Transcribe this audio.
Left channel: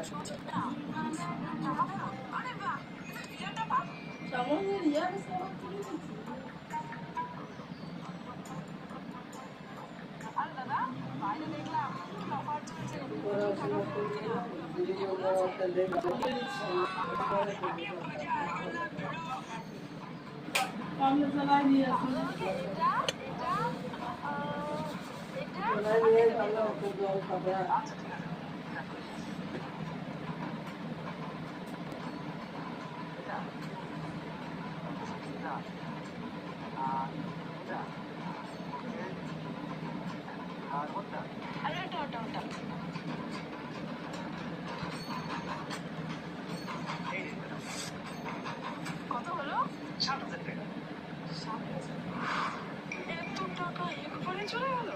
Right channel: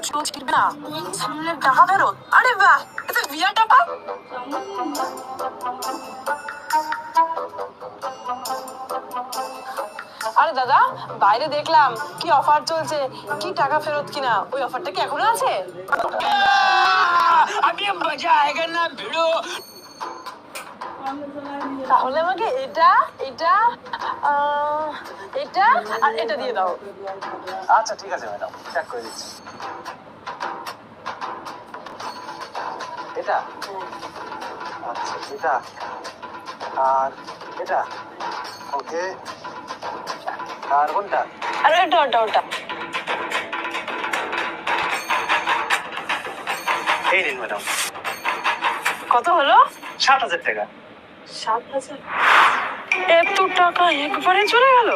না টাকা ফেরত, আরে বাহ, এটা বিয়ার টাকা। আরে দাদা, বাইরে দেখলাম কি অফার চলছে, কি টাকা ফেরত কিনা, ওই অফারটা কি এখনো আছে? अभी मजा आएगा ना भिड़ो। তাহলে আমাকে এটা এটা এটা আর এটা দিয়ে দাও। আচ্ছা ঠিক আছে ম্যাডাম, প্যাক করে দিচ্ছি। এটা আচ্ছা, এটা আর এটা ওকে, আর কোনটা? আর এটা ওটা ওটা। এই নিন ম্যাডাম, কত হলো? 60,000 টাকা। 7,000? এত টাকা একবারে চলে গেল?